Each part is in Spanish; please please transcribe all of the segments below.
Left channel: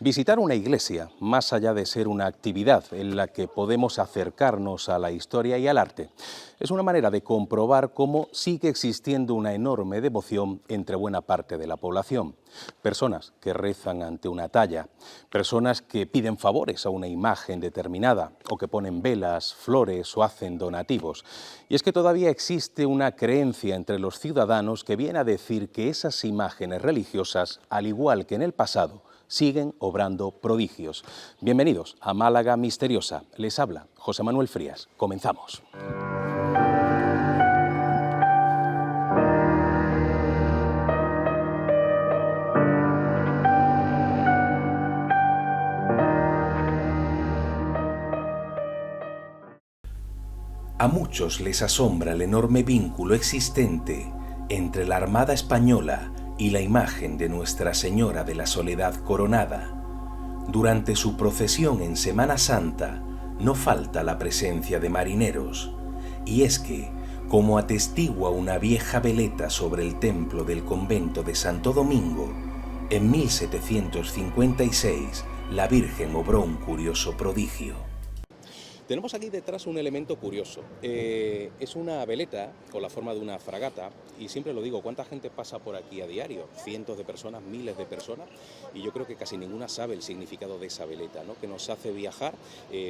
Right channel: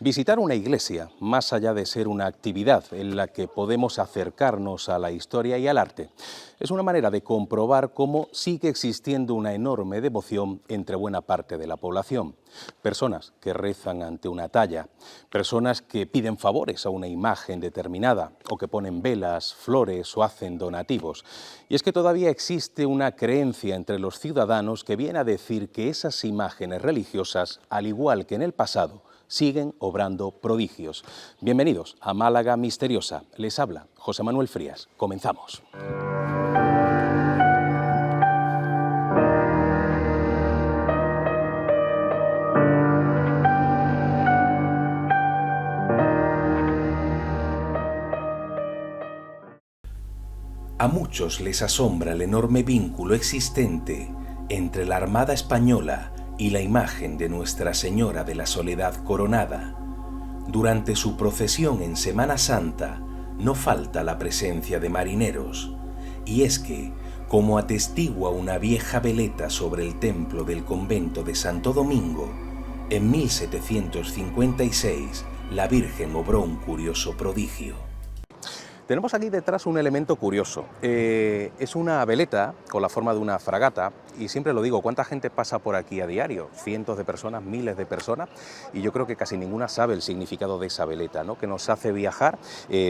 Visitar una iglesia, más allá de ser una actividad en la que podemos acercarnos a la historia y al arte, es una manera de comprobar cómo sigue existiendo una enorme devoción entre buena parte de la población. Personas que rezan ante una talla, personas que piden favores a una imagen determinada o que ponen velas, flores o hacen donativos. Y es que todavía existe una creencia entre los ciudadanos que viene a decir que esas imágenes religiosas, al igual que en el pasado, siguen obrando prodigios. Bienvenidos a Málaga Misteriosa. Les habla José Manuel Frías. Comenzamos. A muchos les asombra el enorme vínculo existente entre la Armada Española y la imagen de Nuestra Señora de la Soledad Coronada. Durante su procesión en Semana Santa no falta la presencia de marineros, y es que, como atestigua una vieja veleta sobre el templo del convento de Santo Domingo, en 1756 la Virgen obró un curioso prodigio. Tenemos aquí detrás un elemento curioso. Es una veleta con la forma de una fragata y siempre lo digo, ¿cuánta gente pasa por aquí a diario? Cientos de personas, miles de personas, y yo creo que casi ninguna sabe el significado de esa veleta, ¿no? Que nos hace viajar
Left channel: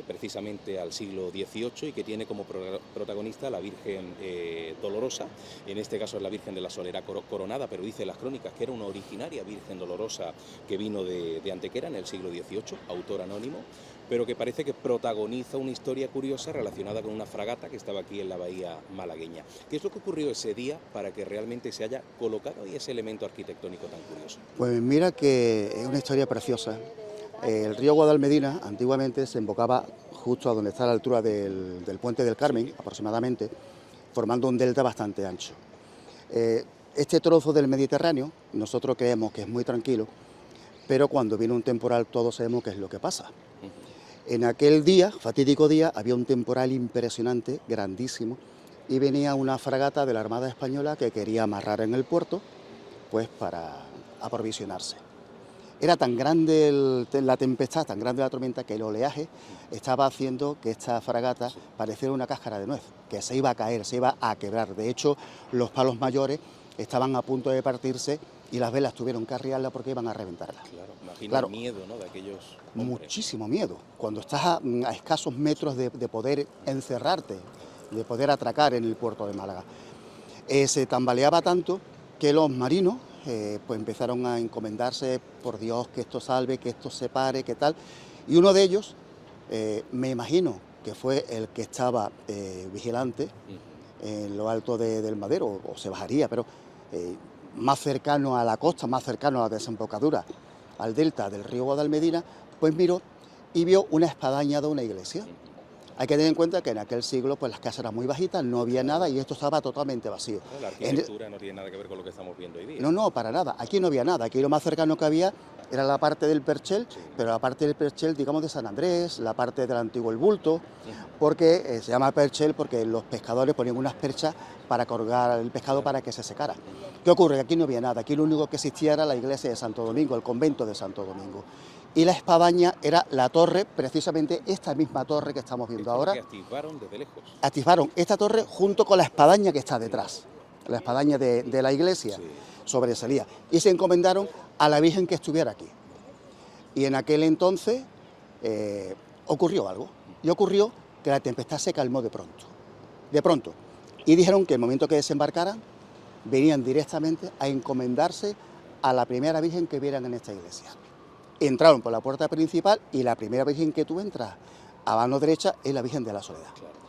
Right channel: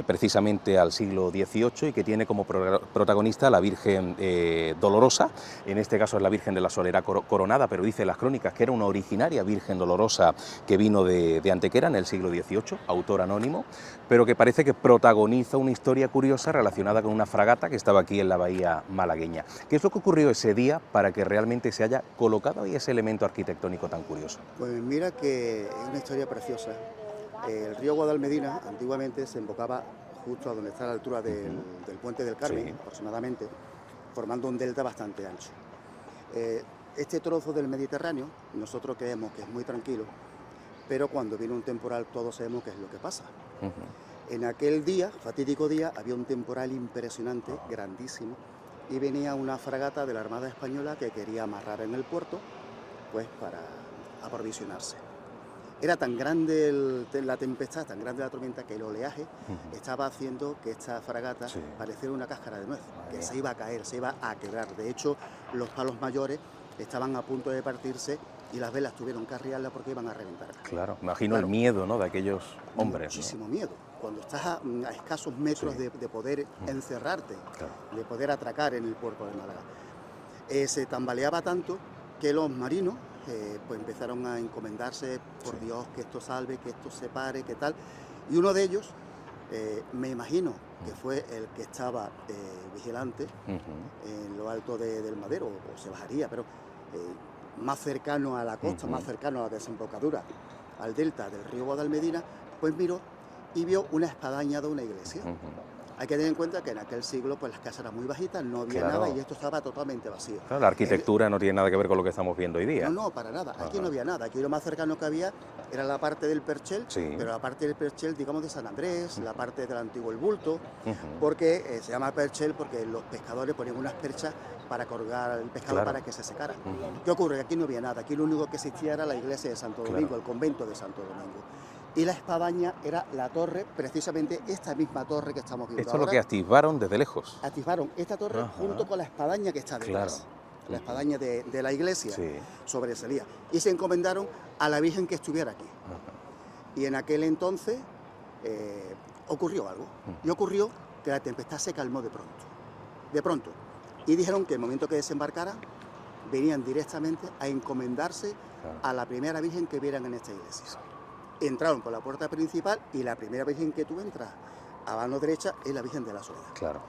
precisamente al siglo XVIII y que tiene como protagonista la Virgen Dolorosa. En este caso es la Virgen de la Soledad Coronada, pero dice las crónicas que era una originaria Virgen Dolorosa que vino de Antequera en el siglo XVIII, autor anónimo, pero que parece que protagoniza una historia curiosa relacionada con una fragata que estaba aquí en la bahía malagueña. ¿Qué es lo que ocurrió ese día para que realmente se haya colocado ahí ese elemento arquitectónico tan curioso? Pues mira que es una historia preciosa. El río Guadalmedina antiguamente se embocaba justo a donde está la altura del Puente del Carmen, sí, aproximadamente, formando un delta bastante ancho. Este trozo del Mediterráneo nosotros creemos que es muy tranquilo, pero cuando viene un temporal todos sabemos qué es lo que pasa. En aquel día, fatídico día, había un temporal impresionante, grandísimo, y venía una fragata de la Armada Española que quería amarrar en el puerto, pues para aprovisionarse. Era tan grande la tempestad, tan grande la tormenta, que el oleaje estaba haciendo que esta fragata pareciera una cáscara de nuez, que se iba a caer, se iba a quebrar. De hecho, los palos mayores estaban a punto de partirse y las velas tuvieron que arriarla porque iban a reventar. Claro, imagino el miedo, ¿no?, de aquellos hombres. Muchísimo miedo. Cuando estás a escasos metros de poder encerrarte, de poder atracar en el puerto de Málaga. Se tambaleaba tanto que los marinos pues empezaron a encomendarse, por Dios, que esto salve, que esto se pare, que tal. Y uno de ellos, me imagino que fue el que estaba vigilante en lo alto del Madero, o se bajaría, pero más cercano a la costa, más cercano a la desembocadura, al delta del río Guadalmedina, pues miró y vio una espadaña de una iglesia. Hay que tener en cuenta que en aquel siglo pues las casas eran muy bajitas, no había nada y esto estaba totalmente vacío. Claro, la arquitectura no tiene nada que ver con lo que estamos viendo hoy día. No, para nada. Aquí no había nada. Aquí lo más cercano que había era la parte del Perchel, pero la parte del Perchel, digamos, de San Andrés, la parte del antiguo El Bulto, porque se llama Perchel porque los pescadores ponían unas perchas para colgar el pescado para que se secara. ¿Qué ocurre? Aquí no había nada. Aquí lo único que existía era la iglesia de Santo Domingo, el convento de Santo Domingo. Y la espadaña era la torre, precisamente esta misma torre que estamos viendo ahora. Esto es lo que atisbaron desde lejos. Atisbaron esta torre junto con la espadaña que está detrás. La espadaña de la iglesia sobresalía. Y se encomendaron a la Virgen que estuviera aquí. Y en aquel entonces ocurrió algo. Y ocurrió que la tempestad se calmó de pronto. De pronto. Y dijeron que el momento que desembarcaran, venían directamente a encomendarse a la primera Virgen que vieran en esta iglesia. Entraron por la puerta principal y la primera Virgen que tú entras a mano derecha es la Virgen de la Soledad. Claro.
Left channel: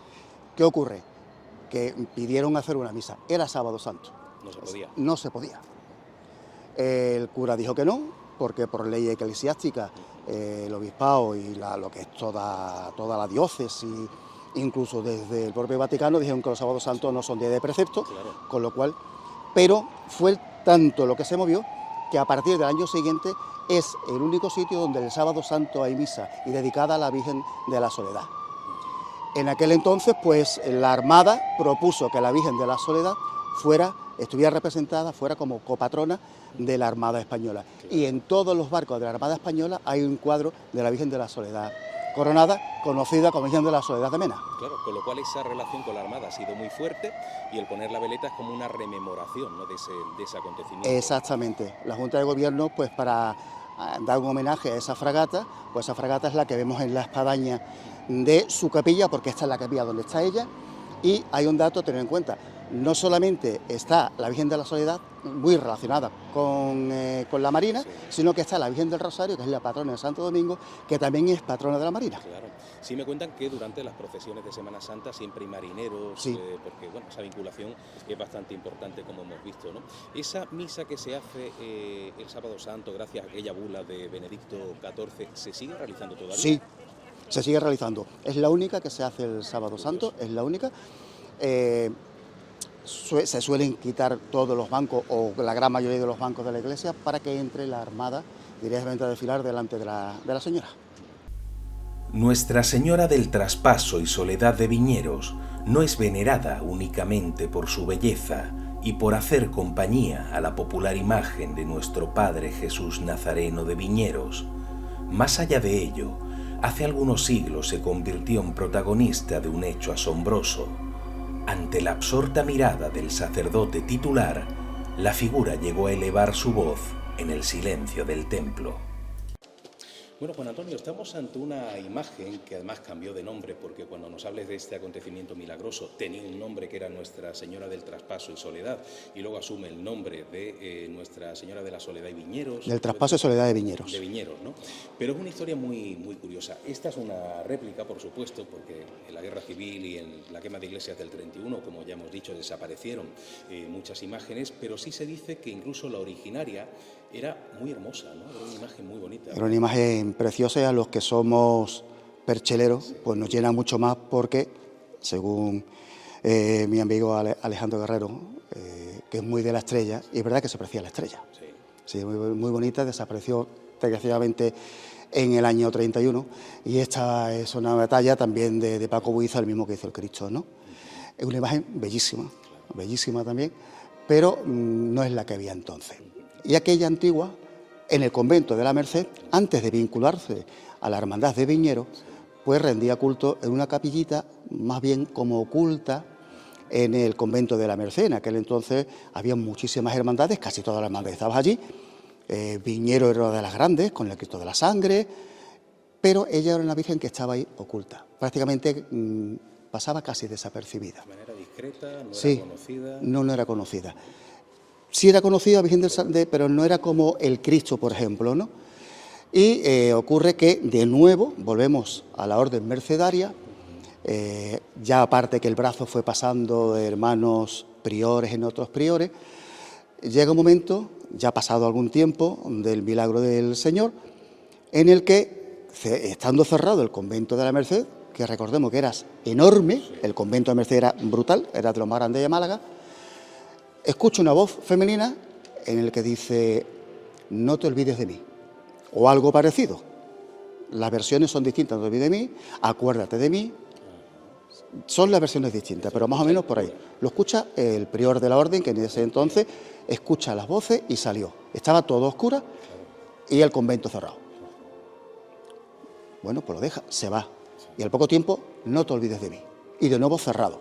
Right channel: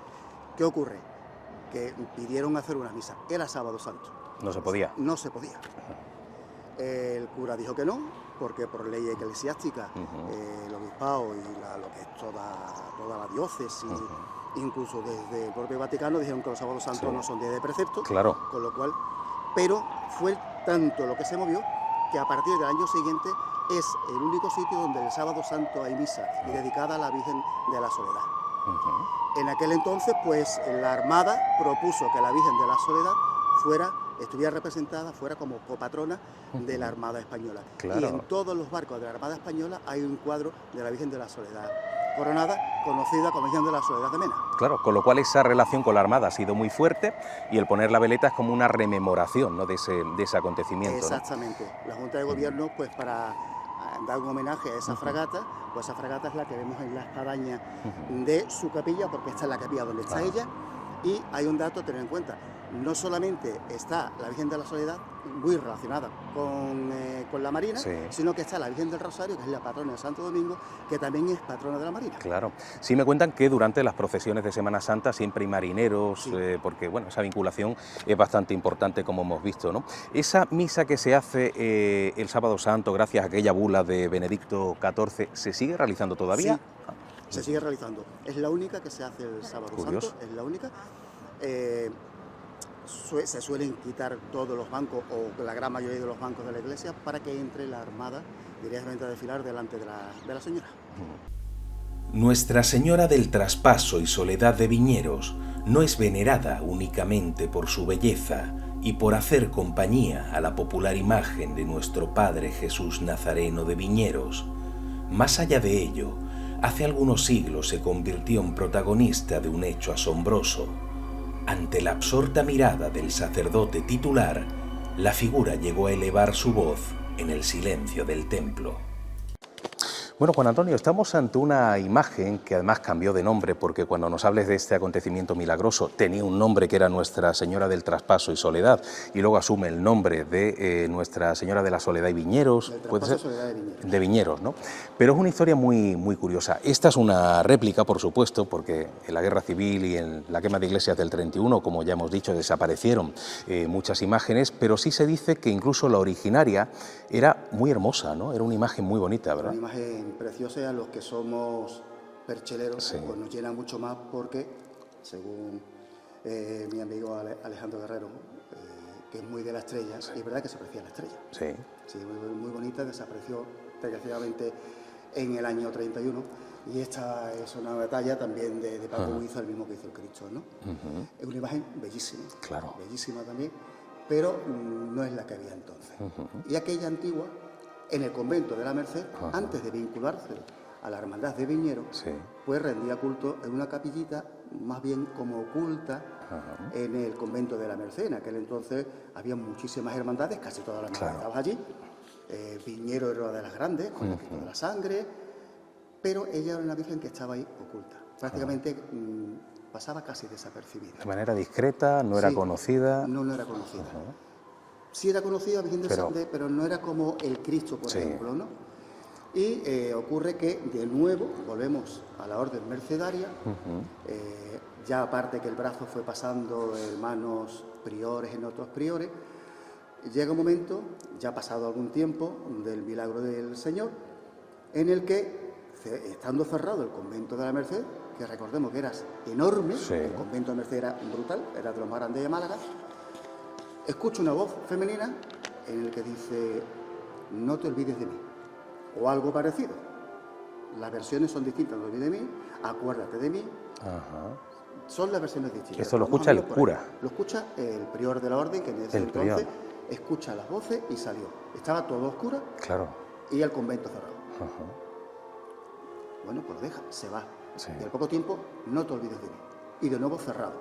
¿Qué ocurre? Que pidieron hacer una misa. Era Sábado Santo. No se podía. No se podía. El cura dijo que no, porque por ley eclesiástica el obispado y lo que es toda la diócesis, incluso desde el propio Vaticano, dijeron que los Sábados Santos no son días de precepto, con lo cual, pero fue tanto lo que se movió que a partir del año siguiente es el único sitio donde el Sábado Santo hay misa y dedicada a la Virgen de la Soledad. En aquel entonces, pues la Armada propuso que la Virgen de la Soledad fuera estuviera representada, fuera como copatrona de la Armada Española. Claro. Y en todos los barcos de la Armada Española hay un cuadro de la Virgen de la Soledad coronada, conocida como Virgen de la Soledad de Mena. Claro, con lo cual esa relación con la Armada ha sido muy fuerte y el poner la veleta es como una rememoración, ¿no?, de ese acontecimiento. Exactamente. ¿No? La Junta de Gobierno, pues para dar un homenaje a esa fragata, pues esa fragata es la que vemos en la espadaña de su capilla, porque esta es la capilla donde está ella. Y hay un dato a tener en cuenta: no solamente está la Virgen de la Soledad, muy relacionada con la Marina, sí, sino que está la Virgen del Rosario, que es la patrona de Santo Domingo, que también es patrona de la Marina. Claro. Sí me cuentan que durante las procesiones de Semana Santa siempre hay marineros, sí, porque bueno, esa vinculación es bastante importante, como hemos visto, ¿no? Esa misa que se hace el Sábado Santo, gracias a aquella bula de Benedicto XIV, ¿se sigue realizando todavía? Sí, se sigue realizando. Es la única que se hace el Sábado Santo, es la única. Se suelen quitar todos los bancos, o la gran mayoría de los bancos de la iglesia, para que entre la Armada directamente a desfilar delante de la Señora. Nuestra Señora del Traspaso y Soledad de Viñeros no es venerada únicamente por su belleza y por hacer compañía a la popular imagen de nuestro Padre Jesús Nazareno de Viñeros. Más allá de ello, hace algunos siglos se convirtió en protagonista de un hecho asombroso. Ante la absorta mirada del sacerdote titular, la figura llegó a elevar su voz en el silencio del templo. Bueno, Juan Antonio, estamos ante una imagen que además cambió de nombre, porque cuando nos hables de este acontecimiento milagroso tenía un nombre que era Nuestra Señora del Traspaso y Soledad, y luego asume el nombre de Nuestra Señora de la Soledad y Viñeros. Del Traspaso y Soledad de Viñeros. De Viñeros, ¿no? Pero es una historia muy, muy curiosa. Esta es una réplica, por supuesto, porque en la Guerra Civil y en la quema de iglesias del 31, como ya hemos dicho, desaparecieron muchas imágenes, pero sí se dice que incluso la originaria era muy hermosa, ¿no? Era una imagen muy bonita, ¿verdad? Era una imagen preciosa, y a los que somos percheleros, sí, pues nos llena mucho más, porque según mi amigo Alejandro Guerrero, que es muy de la estrella, y es verdad que se aprecia la estrella. Sí. Sí, muy bonita, desapareció desgraciadamente en el año 31, y esta es una batalla también de Paco Buiza, el mismo que hizo el Cristo, ¿no? Es una imagen bellísima, claro, bellísima también, pero no es la que había entonces. Y aquella antigua, en el convento de la Merced, antes de vincularse a la Hermandad de Viñeros, sí, pues rendía culto en una capillita más bien como oculta en el convento de la Merced. En aquel entonces había muchísimas hermandades, casi todas las hermandades estaban allí. Viñeros era una de las grandes, con el Cristo de la Sangre, pero ella era una virgen que estaba ahí oculta. Prácticamente pasaba casi desapercibida. De manera discreta, no era conocida. No era conocida. Sí era conocida Virgen del Sangre, pero no era como el Cristo, por ejemplo, ¿no? Y ocurre que, de nuevo, volvemos a la orden mercedaria, ya aparte que el brazo fue pasando de hermanos priores en otros priores, llega un momento, ya pasado algún tiempo, del milagro del Señor, en el que, estando cerrado el convento de la Merced, que recordemos que era enorme, sí, el convento de Merced era brutal, era de los más grandes de Málaga, escucho una voz femenina en el que dice: no te olvides de mí, o algo parecido. Las versiones son distintas: no te olvides de mí, acuérdate de mí. Son las versiones distintas, pero más o menos por ahí. Lo escucha el prior de la orden, que en ese entonces escucha las voces y salió. Estaba todo oscuro, claro, y el convento cerrado. Bueno, pues lo deja, se va. Sí. Y al poco tiempo: no te olvides de mí. Y de nuevo cerrado.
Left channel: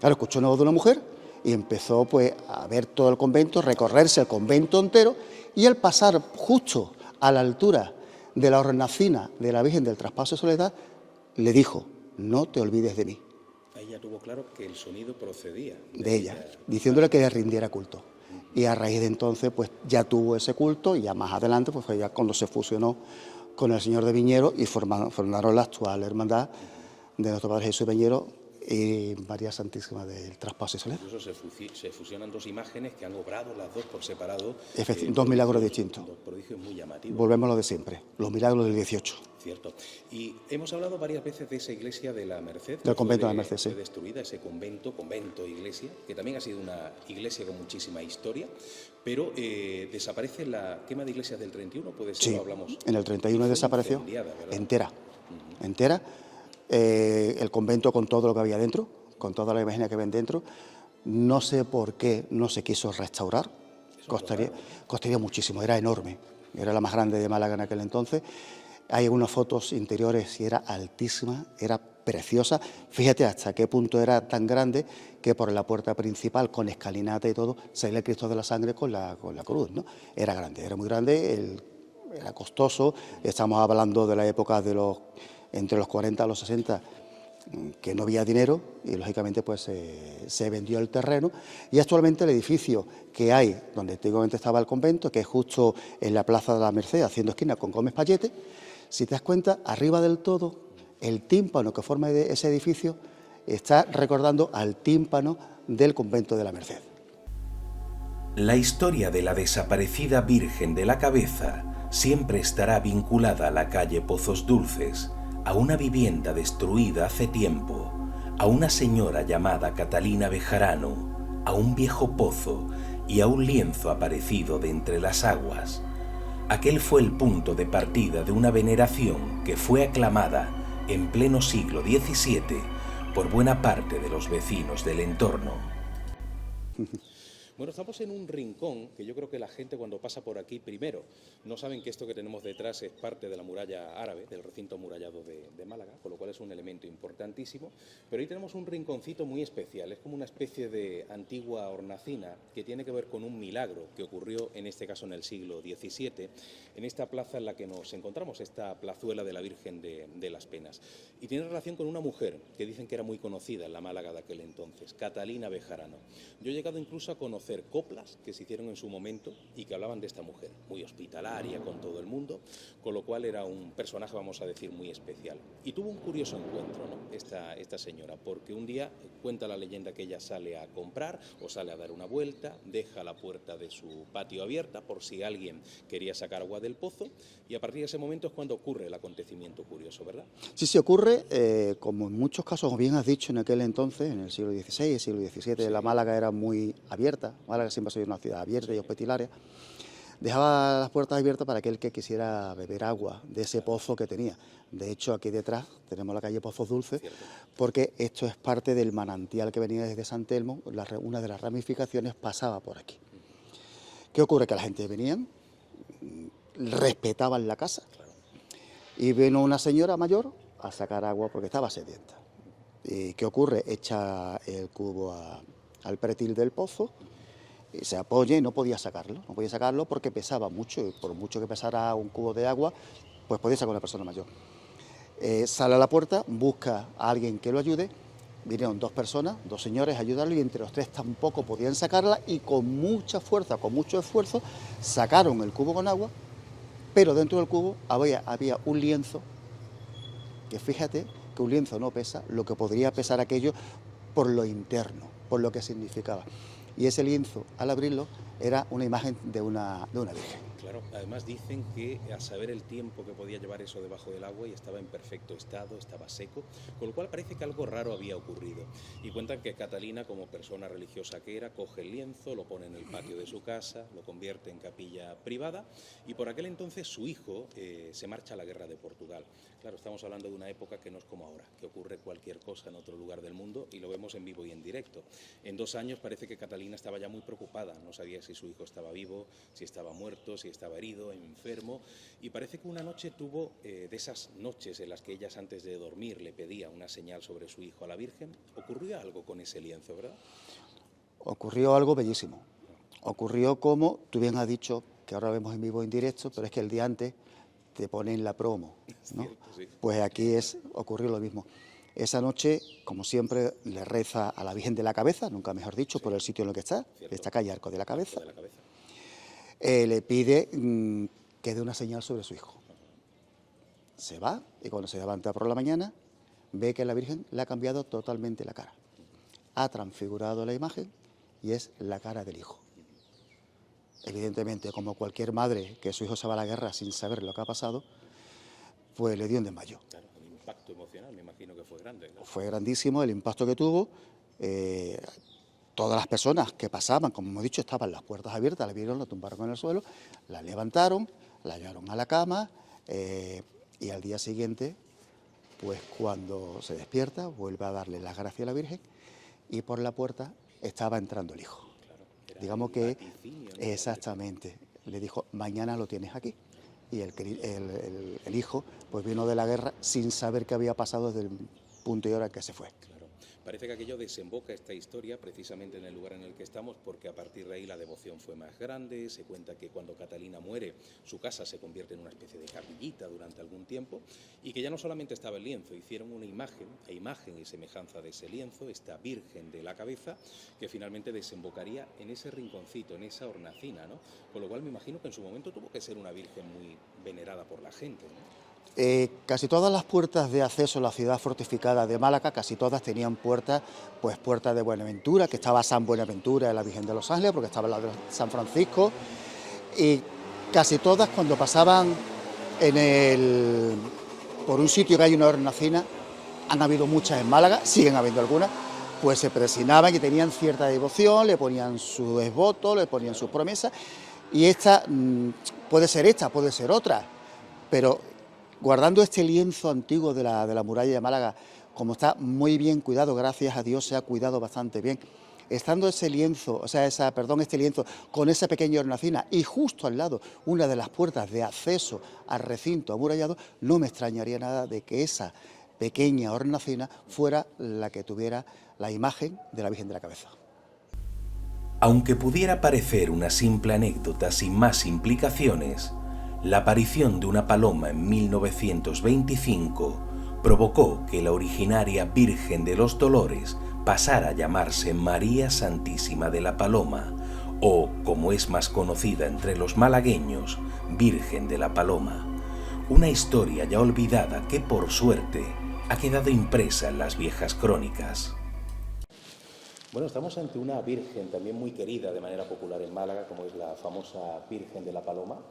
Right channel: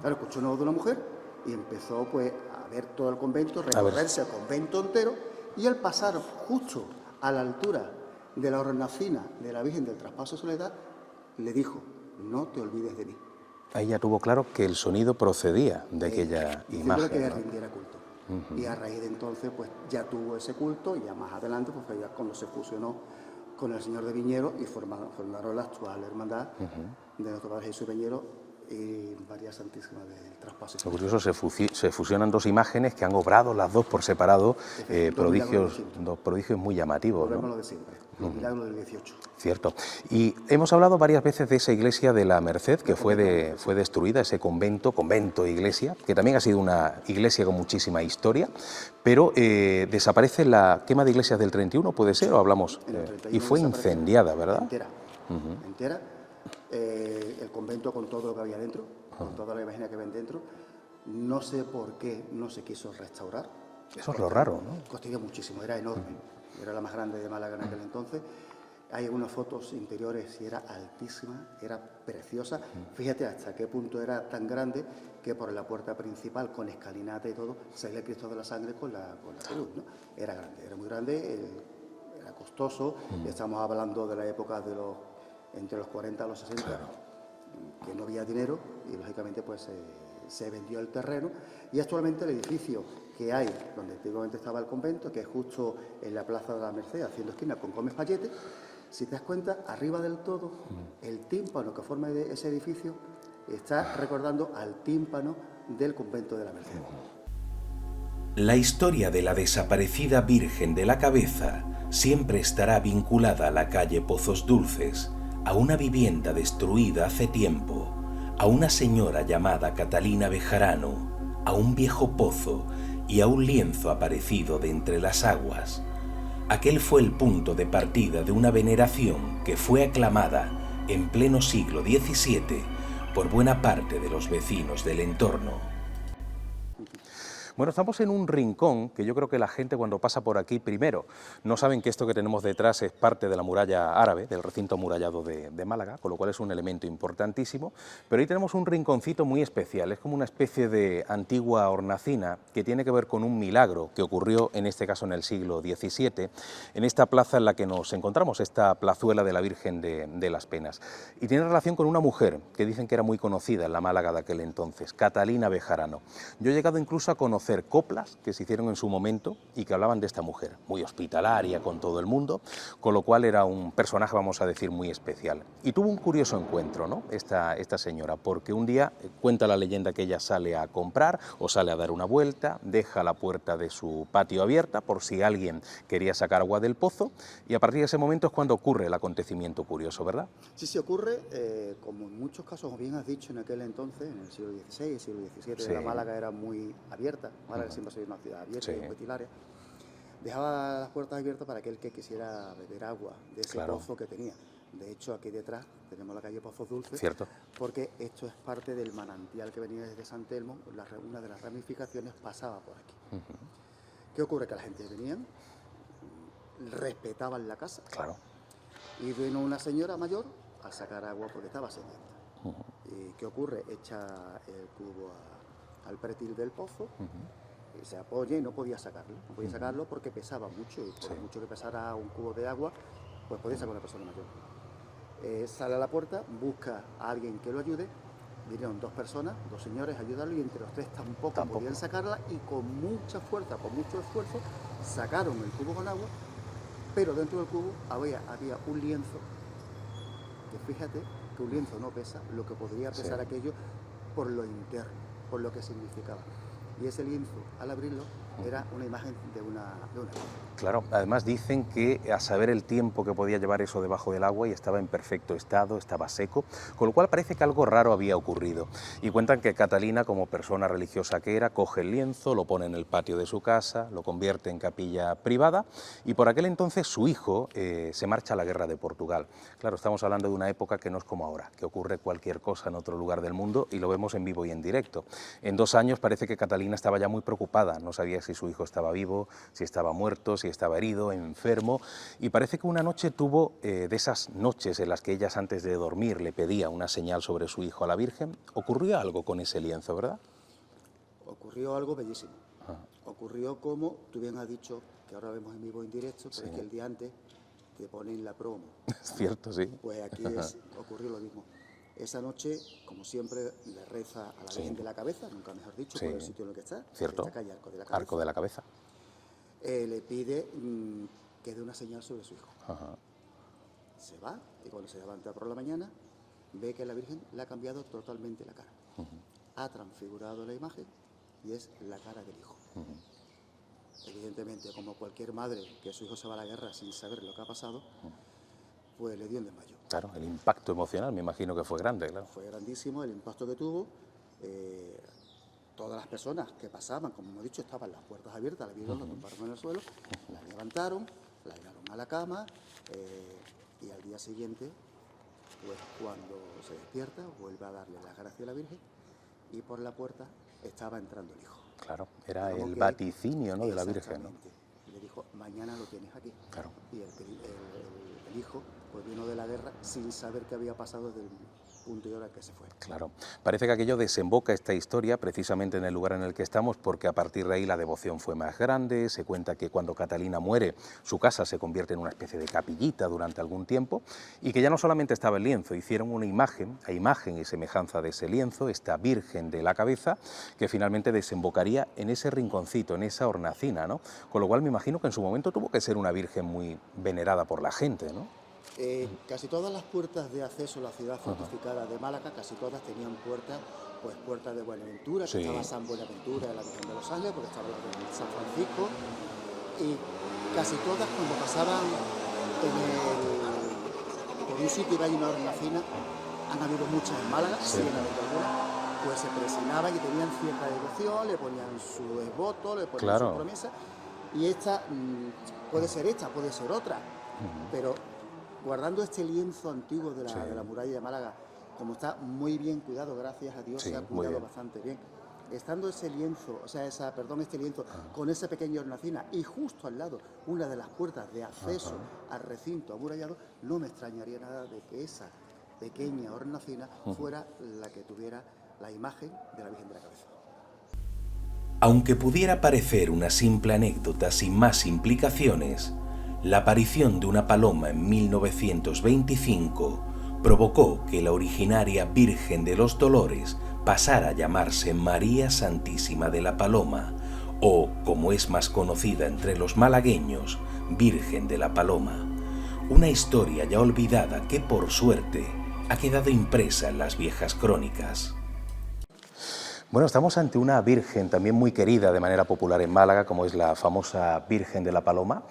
Claro, escuchó una voz de una mujer y empezó pues a ver todo el convento, recorrerse el convento entero, y al pasar justo a la altura de la hornacina de la Virgen del Traspaso de Soledad, le dijo: no te olvides de mí. Ahí ya tuvo claro que el sonido procedía de ella, diciéndole que le rindiera culto. Y a raíz de entonces pues ya tuvo ese culto, y ya más adelante pues fue ya cuando se fusionó con el Señor de Viñeros y formaron la actual hermandad de nuestro Padre Jesús de Viñeros y María Santísima del Traspaso. Incluso se fusionan dos imágenes que han obrado las dos por separado. Dos milagros distintos. Dos prodigios muy llamativos. Volvemos a lo de siempre, los milagros del 18. Cierto. Y hemos hablado varias veces de esa iglesia de la Merced, que fue destruida, ese convento, iglesia, que también ha sido una iglesia con muchísima historia, pero desaparece la quema de iglesias del 31, ¿puede ser? Sí, ¿O hablamos? En el 31 y fue incendiada, ¿verdad? Entera. El convento con todo lo que había dentro, con toda la imagen que ven dentro, No sé por qué no se quiso restaurar. Eso es lo raro, ¿no? Costaría muchísimo, era enorme. Era la más grande de Málaga en aquel entonces. Hay unas fotos interiores y era altísima, era preciosa. Fíjate hasta qué punto era tan grande que por la puerta principal, con escalinata y todo, salía el Cristo de la Sangre con la cruz, ¿no? Era grande, era muy grande, era costoso. Estamos hablando de la época de entre los 40 a los 60, que no había dinero y lógicamente pues se vendió el terreno, y actualmente el edificio que hay donde antiguamente estaba el convento, que es justo en la Plaza de la Merced, haciendo esquina con Gómez Pallete, si te das cuenta, arriba del todo, el tímpano que forma ese edificio está recordando al tímpano del convento de la Merced. La historia de la desaparecida Virgen de la Cabeza siempre estará vinculada a la calle Pozos Dulces, a una vivienda destruida hace tiempo, a una señora llamada Catalina Bejarano, a un viejo pozo y a un lienzo aparecido de entre las aguas. Aquel fue el punto de partida de una veneración que fue aclamada en pleno siglo XVII por buena parte de los vecinos del entorno. Bueno, estamos en un rincón que yo creo que la gente cuando pasa por aquí, primero, no saben que esto que tenemos detrás es parte de la muralla árabe, del recinto amurallado de Málaga, con lo cual es un elemento importantísimo, pero ahí tenemos un rinconcito muy especial, es como una especie de antigua hornacina que tiene que ver con un milagro que ocurrió, en este caso en el siglo XVII, en esta plaza en la que nos encontramos, esta plazuela de la Virgen de las Penas, y tiene relación con una mujer que dicen que era muy conocida en la Málaga de aquel entonces, Catalina Bejarano. Yo he llegado incluso a conocer coplas que se hicieron en su momento y que hablaban de esta mujer, muy hospitalaria con todo el mundo, con lo cual era un personaje, vamos a decir, muy especial. Y tuvo un curioso encuentro, ¿no?, esta señora, porque un día cuenta la leyenda que ella sale a comprar o sale a dar una vuelta, deja la puerta de su patio abierta por si alguien quería sacar agua del pozo, y a partir de ese momento es cuando ocurre el acontecimiento curioso, ¿verdad? Sí, ocurre, como en muchos casos, como bien has dicho, en aquel entonces, en el siglo XVI, siglo XVII, Sí. la Málaga era muy abierta. Málaga siempre ha sido una ciudad abierta Sí. y hospitalaria. Dejaba las puertas abiertas para aquel que quisiera beber agua de ese pozo que tenía. De hecho, aquí detrás tenemos la calle Pozos Dulces, Cierto. porque esto es parte del manantial que venía desde San Telmo. Una de las ramificaciones pasaba por aquí. ¿Qué ocurre? Que la gente venía, respetaban la casa, Claro. y vino una señora mayor a sacar agua porque estaba sedienta. ¿Y qué ocurre? Echa el cubo al pretil del pozo, y se apoya y no podía sacarlo porque pesaba mucho, y por mucho que pesara un cubo de agua, pues podía sacar una persona mayor. Sale a la puerta, busca a alguien que lo ayude. Vinieron dos personas, dos señores a ayudarlo, y entre los tres tampoco podían sacarla, y con mucha fuerza, con mucho esfuerzo, sacaron el cubo con agua, pero dentro del cubo había un lienzo, que fíjate que un lienzo no pesa lo que podría pesar aquello por lo interno, por lo que significaba. Y ese lienzo, al abrirlo, era una imagen de una virgen. Claro, además dicen que a saber el tiempo que podía llevar eso debajo del agua, y estaba en perfecto estado, estaba seco, con lo cual parece que algo raro había ocurrido. Y cuentan que Catalina, como persona religiosa que era, coge el lienzo, lo pone en el patio de su casa, lo convierte en capilla privada, y por aquel entonces su hijo se marcha a la guerra de Portugal. Claro, estamos hablando de una época que no es como ahora, que ocurre cualquier cosa en otro lugar del mundo y lo vemos en vivo y en directo. En 2 años parece que Catalina estaba ya muy preocupada, no sabía si su hijo estaba vivo, si estaba muerto, si estaba herido, enfermo, y parece que una noche tuvo, de esas noches en las que ellas antes de dormir le pedía una señal sobre su hijo a la Virgen, ocurrió algo con ese lienzo, ¿verdad? Ocurrió algo bellísimo. Ocurrió como, tú bien has dicho, que ahora vemos en vivo y en directo, pero es que el día antes te ponen la promo. Es cierto, sí. Pues aquí ocurrió lo mismo. Esa noche, como siempre, le reza a la Virgen de la Cabeza, nunca mejor dicho, por el sitio en el que está, Cierto. esta calle Arco de la Cabeza. Arco de la Cabeza. Le pide que dé una señal sobre su hijo. Se va, y cuando se levanta por la mañana, ve que la Virgen le ha cambiado totalmente la cara. Ha transfigurado la imagen y es la cara del hijo. Evidentemente, como cualquier madre que su hijo se va a la guerra sin saber lo que ha pasado, pues le dio un desmayo. Claro, el impacto emocional me imagino que fue grande, claro. Fue grandísimo el impacto que tuvo. Todas las personas que pasaban, como hemos dicho, estaban las puertas abiertas, la vieron, la tumbaron en el suelo, la levantaron, la llevaron a la cama, y al día siguiente, pues cuando se despierta, vuelve a darle las gracias a la Virgen, y por la puerta estaba entrando el hijo. Claro, era Digamos el que vaticinio, ¿no? de la Virgen, ¿no? Exactamente. Le dijo, mañana lo tienes aquí. Claro. Y el hijo pues vino de la guerra sin saber qué había pasado desde el punto y hora que se fue. Claro. Parece que aquello desemboca esta historia precisamente en el lugar en el que estamos, porque a partir de ahí la devoción fue más grande. Se cuenta que cuando Catalina muere, su casa se convierte en una especie de capillita durante algún tiempo, y que ya no solamente estaba el lienzo, hicieron una imagen, a imagen y semejanza de ese lienzo, esta Virgen de la Cabeza, que finalmente desembocaría en ese rinconcito, en esa hornacina, ¿no? Con lo cual me imagino que en su momento tuvo que ser una Virgen muy venerada por la gente, ¿no? Casi todas las puertas de acceso a la ciudad fortificada de Málaga, casi todas tenían puertas, pues puertas de Buenaventura, que estaba San Buenaventura de la Virgen de los Ángeles, porque estaba la de San Francisco, y casi todas cuando pasaban por un sitio que hay una hornacina, han habido muchas en Málaga, siguen habiendo algunas, pues se presinaban y tenían cierta devoción, le ponían su desvoto, le ponían sus promesas, y esta puede ser otra, pero guardando este lienzo antiguo de la muralla de Málaga, como está muy bien cuidado, gracias a Dios se ha cuidado bastante bien, estando ese lienzo, este lienzo con esa pequeña hornacina y justo al lado una de las puertas de acceso al recinto amurallado, no me extrañaría nada de que esa pequeña hornacina fuera la que tuviera la imagen de la Virgen de la Cabeza. Aunque pudiera parecer una simple anécdota sin más implicaciones, la aparición de una paloma en 1925 provocó que la originaria Virgen de los Dolores pasara a llamarse María Santísima de la Paloma, o, como es más conocida entre los malagueños, Virgen de la Paloma. Una historia ya olvidada que, por suerte, ha quedado impresa en las viejas crónicas. Bueno, estamos ante una Virgen también muy querida de manera popular en Málaga, como es la famosa Virgen de la Paloma,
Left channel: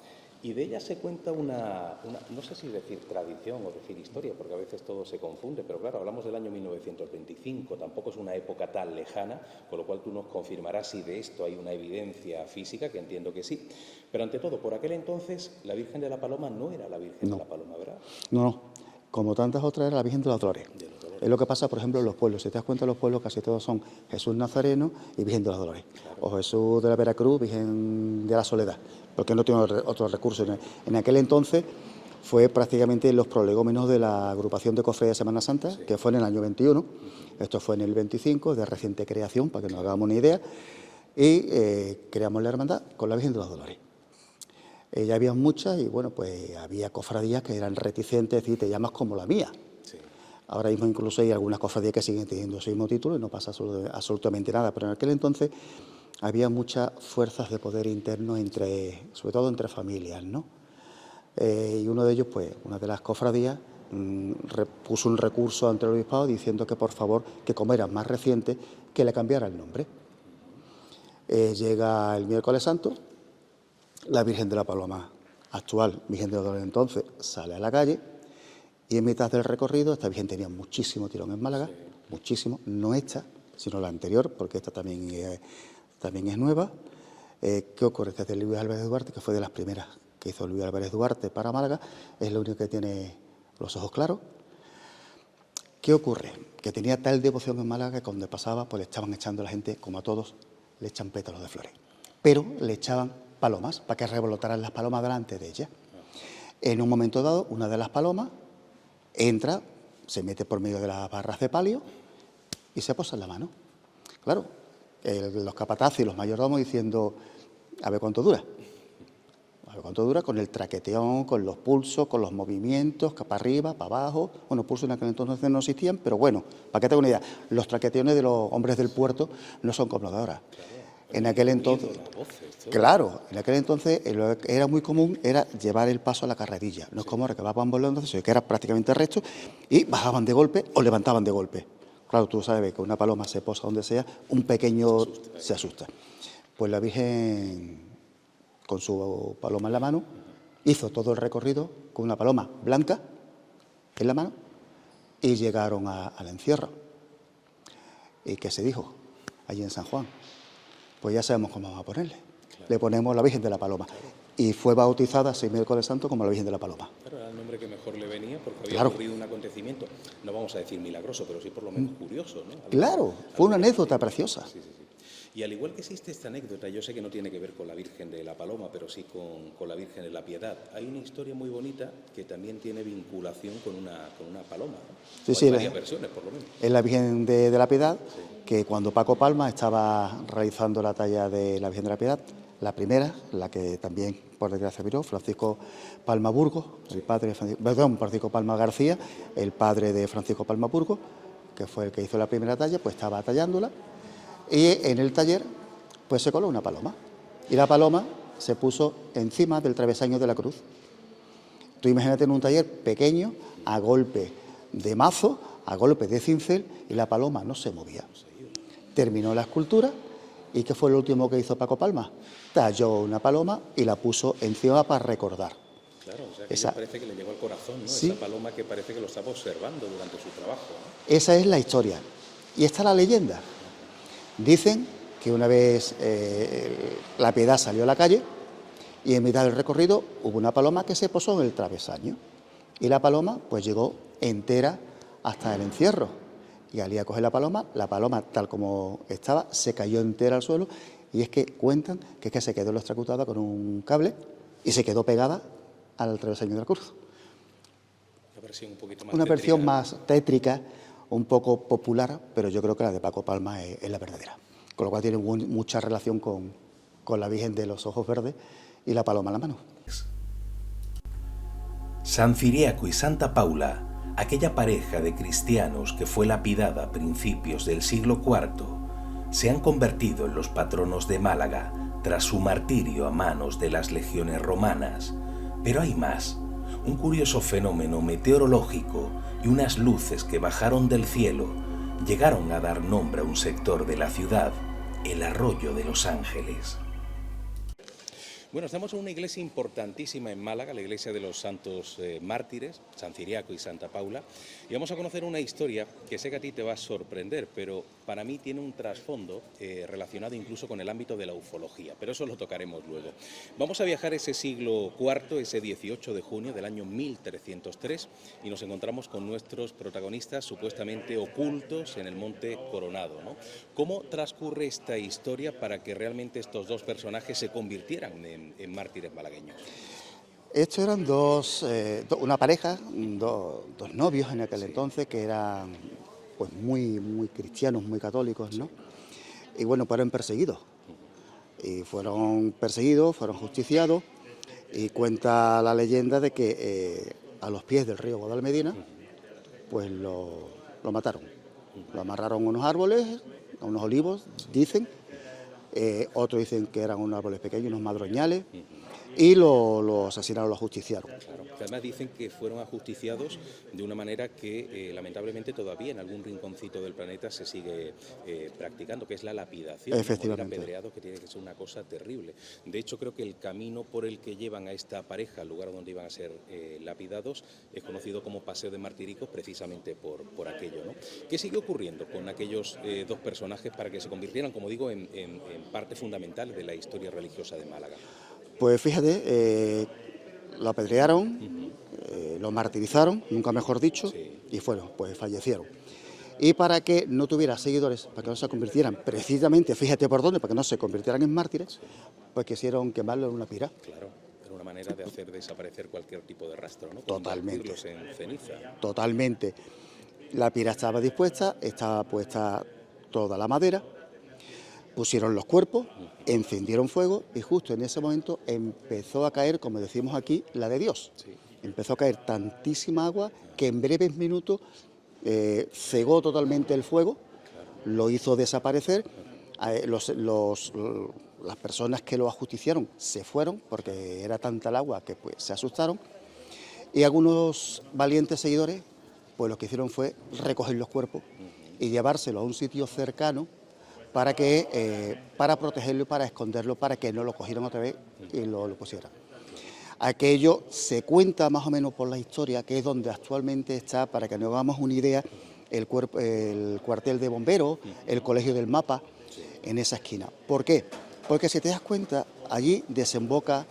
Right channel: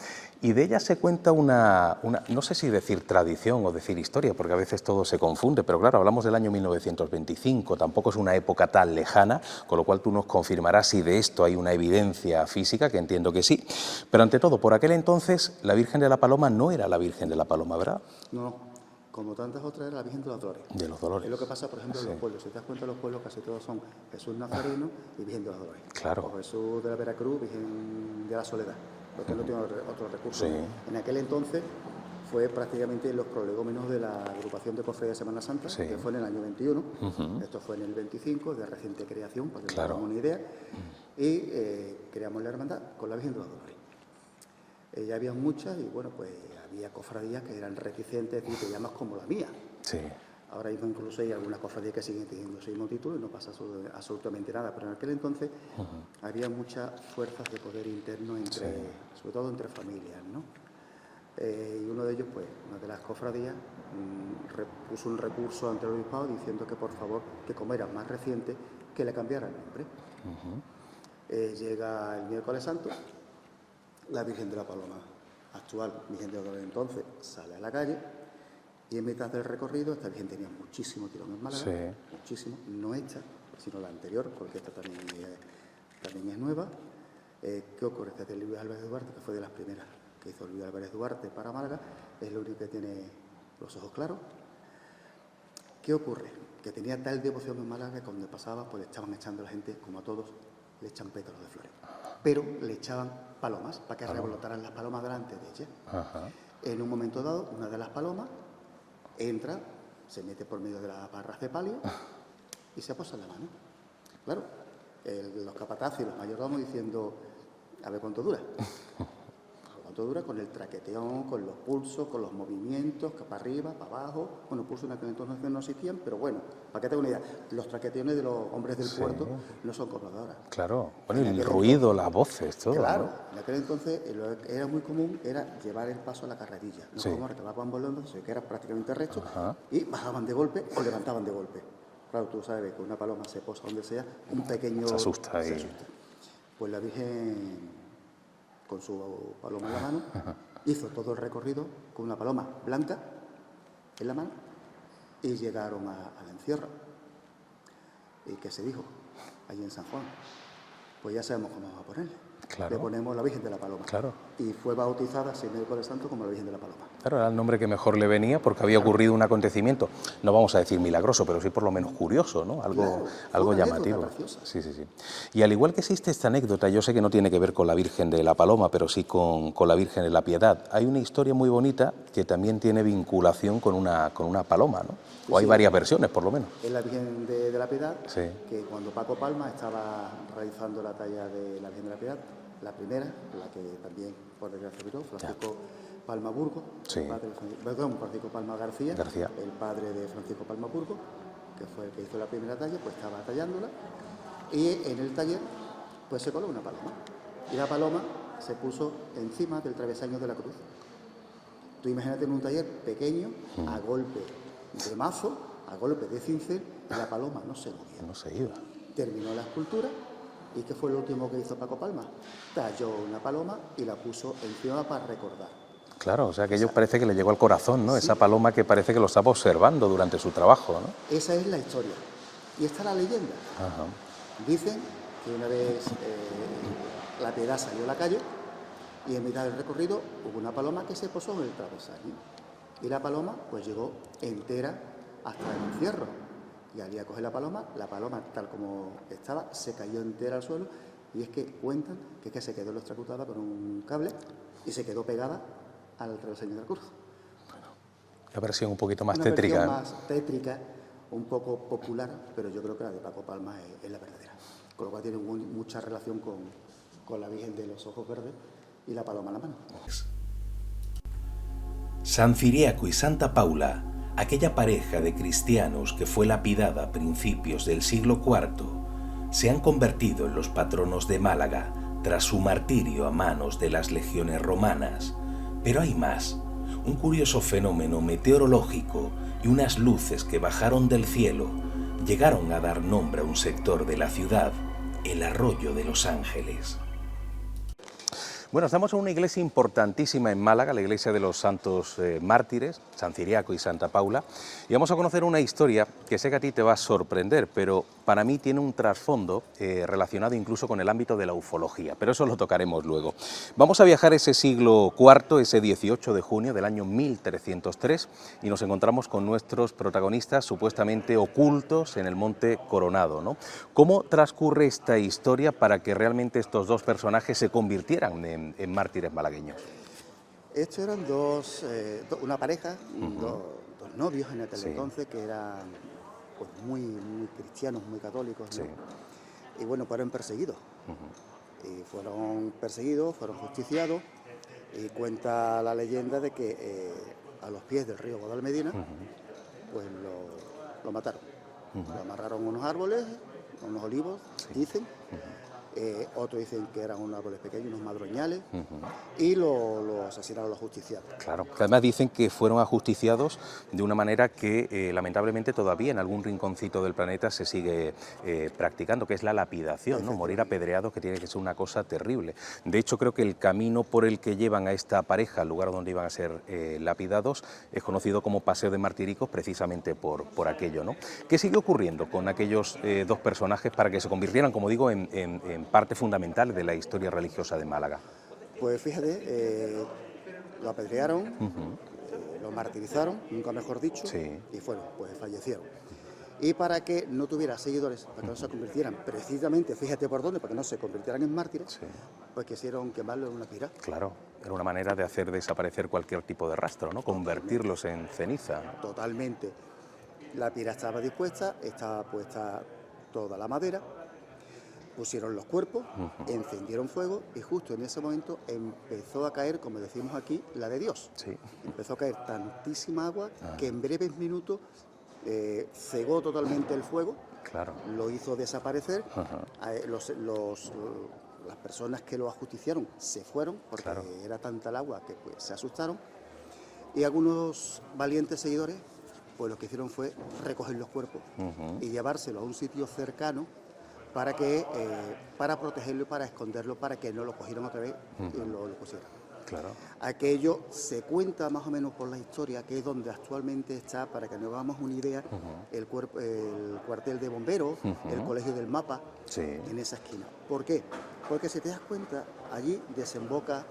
y de ella se cuenta una, no sé si decir tradición o decir historia, porque a veces todo se confunde, pero claro, hablamos del año 1925, tampoco es una época tan lejana, con lo cual tú nos confirmarás si de esto hay una evidencia física, que entiendo que sí, pero ante todo, por aquel entonces, la Virgen de la Paloma no era la Virgen de la Paloma, ¿verdad? No. Como tantas otras, era la Virgen de los Dolores. De los Dolores. Es lo que pasa, por ejemplo, en los pueblos. Si te das cuenta, los pueblos casi todos son Jesús Nazareno y Virgen de los Dolores. Claro. O Jesús de la Veracruz, Virgen de la Soledad, porque no tiene otros recursos. Sí. En aquel entonces fue prácticamente los prolegómenos de la agrupación de cofradía de Semana Santa, que fue en el año 21. Esto fue en el 25, de reciente creación, para que nos hagamos una idea. Y creamos la hermandad con la Virgen de los Dolores. Ya había muchas y bueno, pues había cofradías que eran reticentes, es decir, te llamas como la mía. Sí. Ahora mismo incluso hay algunas cofradías que siguen teniendo ese mismo título y no pasa absolutamente nada, pero en aquel entonces había muchas fuerzas de poder interno sobre todo entre familias, ¿no? Y uno de ellos, pues, una de las cofradías puso un recurso ante el obispado diciendo que por favor, que como era más reciente, que le cambiara el nombre. Llega el miércoles santo. La Virgen de la Paloma, actual Virgen de los Dolores entonces, sale a la calle y en mitad del recorrido, esta Virgen tenía muchísimo tirón en Málaga, muchísimo, no esta, sino la anterior, porque esta también es nueva. ¿Qué ocurre? Esta es de Luis Álvarez Duarte, que fue de las primeras que hizo Luis Álvarez Duarte para Málaga, es la única que tiene los ojos claros. ¿Qué ocurre? Que tenía tal devoción en Málaga que cuando pasaba, pues le estaban echando a la gente, como a todos, le echan pétalos de flores, pero le echaban palomas, para que revolotaran las palomas delante de ella. En un momento dado, una de las palomas entra, se mete por medio de las barras de palio y se posa en la mano. Claro, los capataces y los mayordomos diciendo, a ver cuánto dura. A ver cuánto dura con el traqueteón, con los pulsos, con los movimientos, para arriba, para abajo. Bueno, pulsos en aquel entonces no existían, pero bueno, para que tenga una idea, los traqueteones de los hombres del puerto no son como los de ahora. Claro, en aquel el ruido, las voces, todo. Claro, en aquel entonces lo que era muy común era llevar el paso a la carrerilla. No es como ahora que van volando, sino que era prácticamente recto y bajaban de golpe o levantaban de golpe. Claro, tú sabes que una paloma se posa donde sea, un pequeño se asusta. Pues la Virgen, con su paloma en la mano, hizo todo el recorrido con una paloma blanca en la mano y llegaron al encierro. ¿Y qué se dijo allí en San Juan? Pues ya sabemos cómo vamos a ponerle. Le ponemos la Virgen de la Paloma. Claro. y fue bautizada ese miércoles santo como la Virgen de la Paloma. Claro, era el nombre que mejor le venía porque había ocurrido un acontecimiento, no vamos a decir milagroso, pero sí por lo menos curioso, ¿no? Fue una anécdota preciosa. Sí. Y al igual que existe esta anécdota, yo sé que no tiene que ver con la Virgen de la Paloma, pero sí con la Virgen de la Piedad. Hay una historia muy bonita que también tiene vinculación con una paloma, ¿no? O hay varias versiones, por lo menos. Es la Virgen de la Piedad, que cuando Paco Palma estaba realizando la talla de la Virgen de la Piedad, la primera, la que también, por desgracia, viró, Francisco Palma Burgos, el padre de Francisco Palma García, el padre de Francisco Palma Burgos, que fue el que hizo la primera talla, pues estaba tallándola, y en el taller pues se coló una paloma, y la paloma se puso encima del travesaño de la cruz. Tú imagínate en un taller pequeño, a golpe de mazo, a golpe de cincel, y la paloma no se movía, no se iba. Terminó la escultura. ¿Y qué fue lo último que hizo Paco Palma? Talló una paloma y la puso encima para recordar. Claro, o sea, que parece que le llegó al corazón, ¿no? Sí. Esa paloma que parece que lo estaba observando durante su trabajo, ¿no? Esa es la historia. Y está la leyenda. Dicen que una vez la Piedad salió a la calle y en mitad del recorrido hubo una paloma que se posó en el travesaño. Y la paloma pues llegó entera hasta el encierro. Y al ir a coger la paloma, tal como estaba, se cayó entera al suelo, y es que cuentan que es que se quedó electrocutada con un cable y se quedó pegada al travesaño de la cruz. Una versión un poquito más tétrica. Una versión más tétrica, un poco popular, pero yo creo que la de Paco Palma es la verdadera. Con lo cual tiene mucha relación con la Virgen de los Ojos Verdes y la paloma en la mano. San Ciriaco y Santa Paula, aquella pareja de cristianos que fue lapidada a principios del siglo IV, se han convertido en los patronos de Málaga tras su martirio a manos de las legiones romanas. Pero hay más, un curioso fenómeno meteorológico y unas luces que bajaron del cielo llegaron a dar nombre a un sector de la ciudad, el Arroyo de los Ángeles. Bueno, estamos en una iglesia importantísima en Málaga, la iglesia de los Santos Mártires, San Ciriaco y Santa Paula, y vamos a conocer una historia que sé que a ti te va a sorprender, pero para mí tiene un trasfondo relacionado incluso con el ámbito de la ufología, pero eso lo tocaremos luego. Vamos a viajar ese siglo IV, ese 18 de junio del año 1303, y nos encontramos con nuestros protagonistas supuestamente ocultos en el Monte Coronado, ¿no? ¿Cómo transcurre esta historia para que realmente estos dos personajes se convirtieran en mártires malagueños? Estos eran una pareja, dos novios en aquel entonces, que eran pues muy cristianos, muy católicos, ¿no? Y bueno, fueron perseguidos. Y fueron perseguidos, fueron justiciados, y cuenta la leyenda de que a los pies del río Guadalmedina, pues lo mataron. Lo amarraron a unos árboles, a unos olivos, dicen. Otros dicen que eran unos árboles pequeños, unos madroñales, y lo asesinaron, lo ajusticiaron. Claro, que además dicen que fueron ajusticiados de una manera que lamentablemente todavía en algún rinconcito del planeta se sigue practicando, que es la lapidación, ¿no? Morir apedreados, que tiene que ser una cosa terrible. De hecho, creo que el camino por el que llevan a esta pareja al lugar donde iban a ser lapidados es conocido como Paseo de Martiricos, precisamente por aquello, ¿no? ¿Qué sigue ocurriendo con aquellos dos personajes para que se convirtieran, como digo, en parte fundamental de la historia religiosa de Málaga? Pues fíjate, lo apedrearon, lo martirizaron, nunca mejor dicho, y pues fallecieron. Y para que no tuviera seguidores, para que no se convirtieran precisamente, fíjate por dónde, para que no se convirtieran en mártires, pues quisieron quemarlo en una pira. Claro, era una manera de hacer desaparecer cualquier tipo de rastro, ¿no? Convertirlos en ceniza. Totalmente. La pira estaba dispuesta, estaba puesta toda la madera, pusieron los cuerpos, encendieron fuego y justo en ese momento empezó a caer, como decimos aquí, la de Dios. Empezó a caer tantísima agua que en breves minutos cegó totalmente el fuego, lo hizo desaparecer. Las personas que lo ajusticiaron se fueron porque era tanta el agua que pues, se asustaron, y algunos valientes seguidores pues lo que hicieron fue recoger los cuerpos y llevárselo a un sitio cercano para protegerlo y para esconderlo, para que no lo cogieran otra vez y lo pusieran. Aquello se cuenta más o menos por la historia, que es donde actualmente está, para que nos hagamos una idea, el cuartel de bomberos, el colegio del Mapa, en esa esquina. ¿Por qué? Porque si te das cuenta, allí desemboca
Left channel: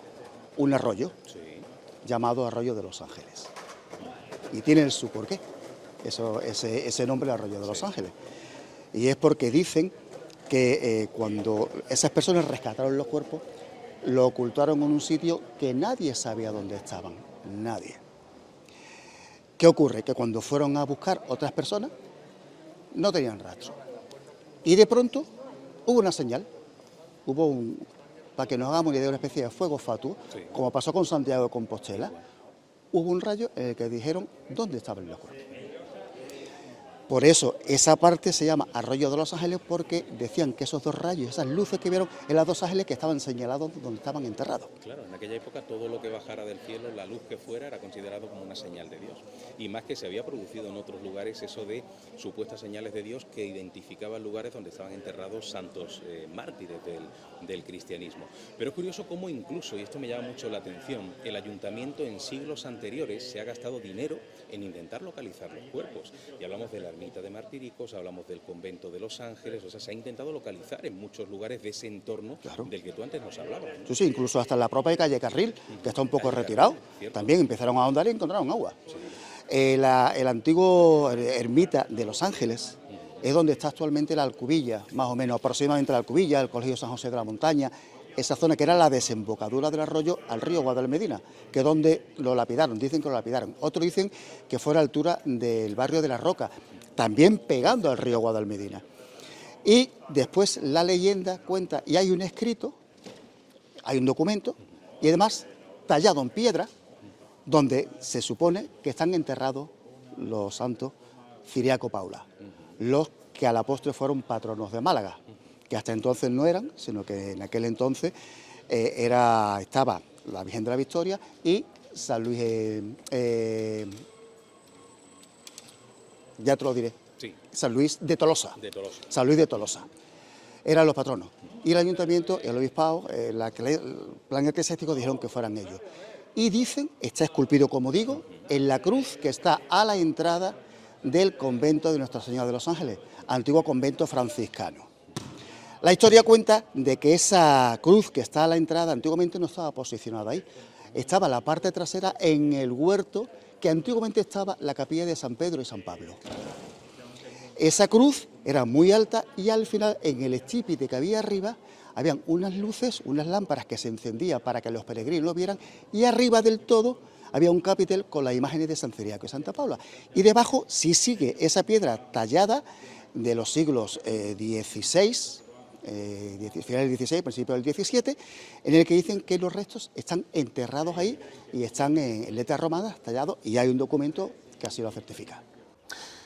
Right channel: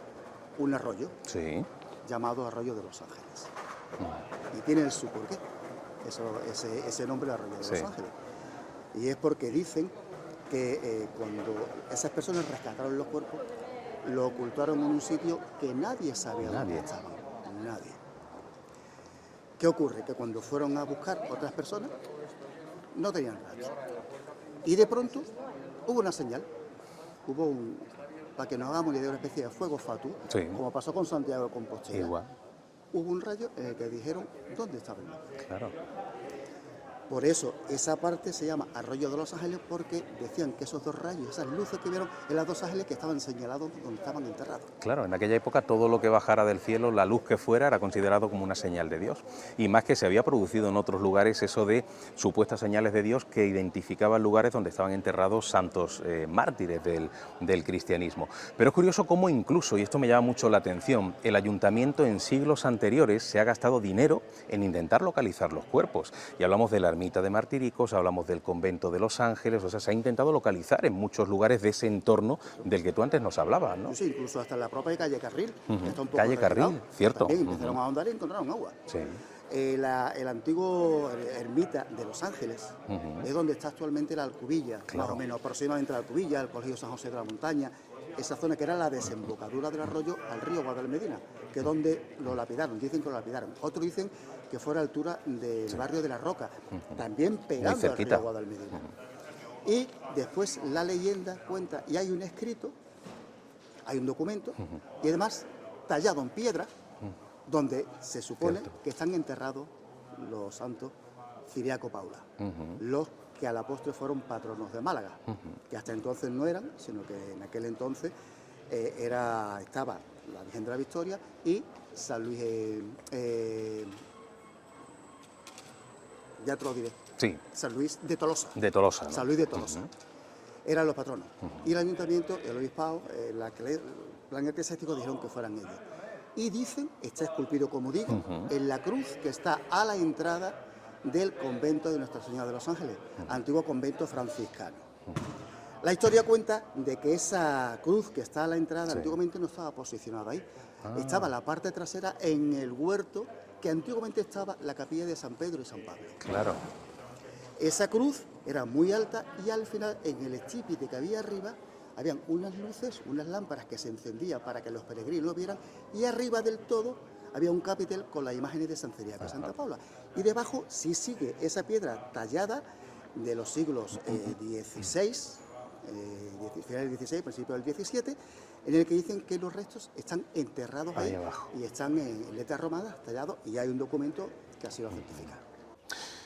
un arroyo Sí. llamado Arroyo de los Ángeles. Y tiene su porqué, ese nombre, el Arroyo de los Sí. Ángeles. Y es porque dicen que cuando esas personas rescataron los cuerpos, lo ocultaron en un sitio que nadie sabía dónde estaban, nadie. ¿Qué ocurre? Que cuando fueron a buscar otras personas, no tenían rastro. Y de pronto hubo una señal, para que nos hagamos una idea, una especie de fuego fatuo, Sí. como pasó con Santiago de Compostela. Igual. Hubo un rayo en el que dijeron dónde estaban los cuerpos. Claro. Por eso esa parte se llama Arroyo de los Ángeles, porque decían que esos dos rayos, esas luces que vieron, eran los dos ángeles que estaban señalados donde estaban enterrados. Claro, en aquella época todo lo que bajara del cielo, la luz que fuera, era considerado como una señal de Dios. Y más que se había producido en otros lugares eso de supuestas señales de Dios que identificaban lugares donde estaban enterrados santos mártires del cristianismo. Pero es curioso cómo incluso, y esto me llama mucho la atención, el ayuntamiento en siglos anteriores se ha gastado dinero en intentar localizar los cuerpos. Y hablamos de la ermita de Martiricos, hablamos del convento de Los Ángeles, o sea, se ha intentado localizar en muchos lugares de ese entorno del que tú antes nos hablabas, ¿no? Sí, sí, incluso hasta la propia calle Carril, que está un poco Calle retirado. Carril, cierto. También empezaron a ahondar y encontraron agua. Sí. El antiguo ermita de Los Ángeles es donde está actualmente la Alcubilla, más o menos aproximadamente la Alcubilla, el Colegio San José de la Montaña, esa zona que era la desembocadura del arroyo al río Guadalmedina, que es donde lo lapidaron, dicen que lo lapidaron. Otros dicen que fue a la altura del barrio de La Roca, también pegando al río Guadalmedina. Y después la leyenda cuenta, y hay un escrito, hay un documento, y además tallado en piedra, donde se supone que están enterrados los santos Ciriaco Paula, los que a la postre fueron patronos de Málaga, que hasta entonces no eran, sino que en aquel entonces estaba la Virgen de la Victoria y San Luis, ya te lo diré, Sí, San Luis de Tolosa. de Tolosa, ¿no? San Luis de Tolosa. Eran los patronos. Y el ayuntamiento, el obispado, el plan eclesiástico dijeron que fueran ellos. Y dicen, está esculpido, como digo, en la cruz que está a la entrada del convento de Nuestra Señora de los Ángeles, antiguo convento franciscano. La historia cuenta de que esa cruz que está a la entrada antiguamente no estaba posicionada ahí. Estaba la parte trasera en el huerto que antiguamente estaba la capilla de San Pedro y San Pablo. Claro. Esa cruz era muy alta y al final, en el estípite que había arriba, habían unas luces, unas lámparas que se encendían para que los peregrinos lo vieran, y arriba del todo había un capitel con las imágenes de San Ciriaco y Santa Paula. Y debajo sí sigue esa piedra tallada de los siglos XVI, finales del XVI, principios del XVII, en el que dicen que los restos están enterrados ahí y están en letras romanas tallados, y hay un documento que así lo certifica.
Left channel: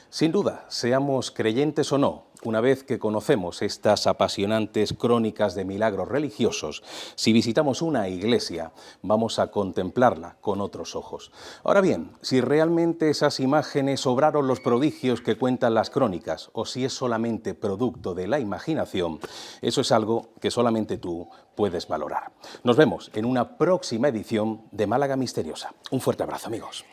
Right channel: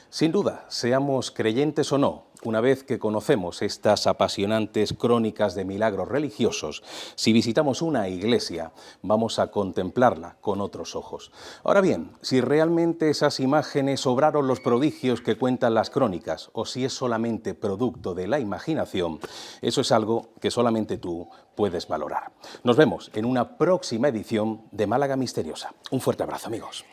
Sin duda, seamos creyentes o no, una vez que conocemos estas apasionantes crónicas de milagros religiosos, si visitamos una iglesia, vamos a contemplarla con otros ojos. Ahora bien, si realmente esas imágenes obraron los prodigios que cuentan las crónicas, o si es solamente producto de la imaginación, eso es algo que solamente tú puedes valorar. Nos vemos en una próxima edición de Málaga Misteriosa. Un fuerte abrazo, amigos.